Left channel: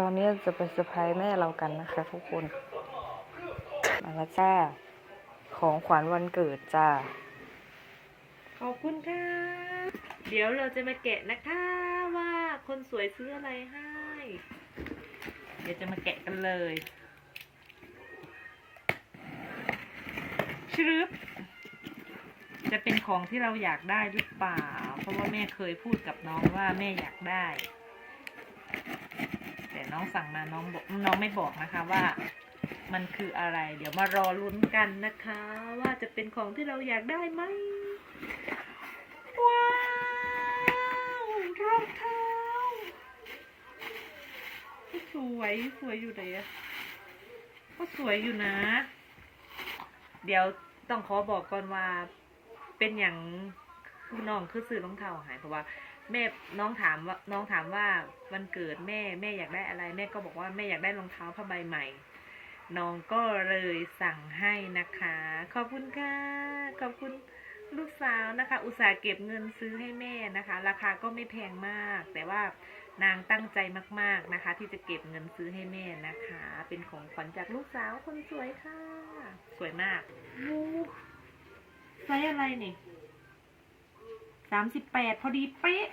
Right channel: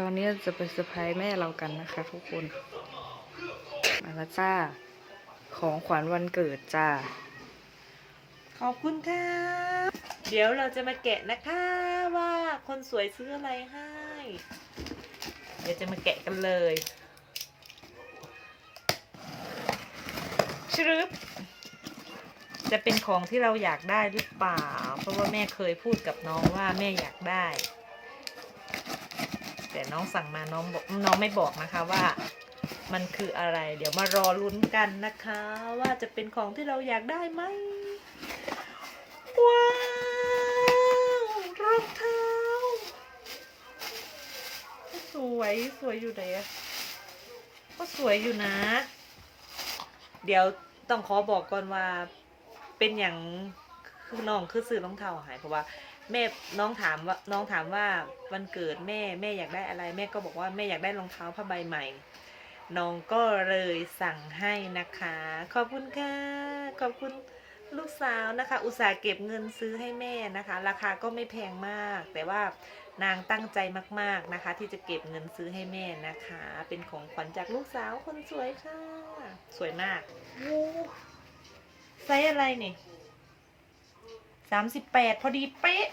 ตอนนี้จะไปเซอร์ไพรส์แม่เรากันนะคะ ทุกคน มาล้วจ้า ของขวัญวันเกิดจ้า ขอบคุณค่ะ เดี๋ยวเราจะมาแกะนะคะว่าคนสวยซื้ออะไรให้ เดี๋ยวจะมาแกะกันเลยชรึบจะเป็นของที่เราอยากได้หรือเปล่า เพราะว่าแม่เคยพูดกับน้องว่าแม่อยากได้ น้องสั่งมาน้องบอกน้องไม่บอกนะคะว่ามันคืออะไร เดี๋ยวมารอลุ้นกันนะคะ ว่าจะเป็นของที่เราอยากได้ไหมว้าวรองเท้าสวยสวยอยู่ไหนอะก็สวยอยู่นะ เดี๋ยวต้องขอบอกก่อนว่าเป็นอย่างคือน้องคือซื้อรองเท้าหายเพราะว่า แม่น้องถามว่าน้องถามว่าวันเกิดแม่แม่อยากได้อะไร แม่ก็บอกว่าแม่อยากได้รองเท้าผ้าใบใหม่ น้องก็เลยสั่งให้นะคะ ขอบคุณค่ะขอบคุณลูกสาวนะคะ อุตส่าห์เก็บเงินซื้อให้แม่นะคะ ราคาก็ไม่แพงมาก แต่ว่านางตั้งใจมาก ๆนะคะ ที่จะเก็บเงินซื้อให้แม่นะคะ เป็นของขวัญจากลูกสาวคนสวยค่ะ สวยมากโอ้ไซส์อะไรนี่ สามสิบแปดพอดีเป๊ะ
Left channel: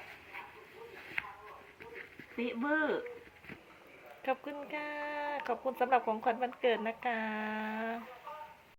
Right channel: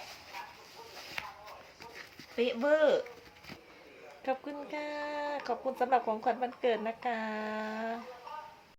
เป๊ะเวอร์ ขอบคุณค่ะ ขอบคุณสำหรับของขวัญวันเกิดนะคะ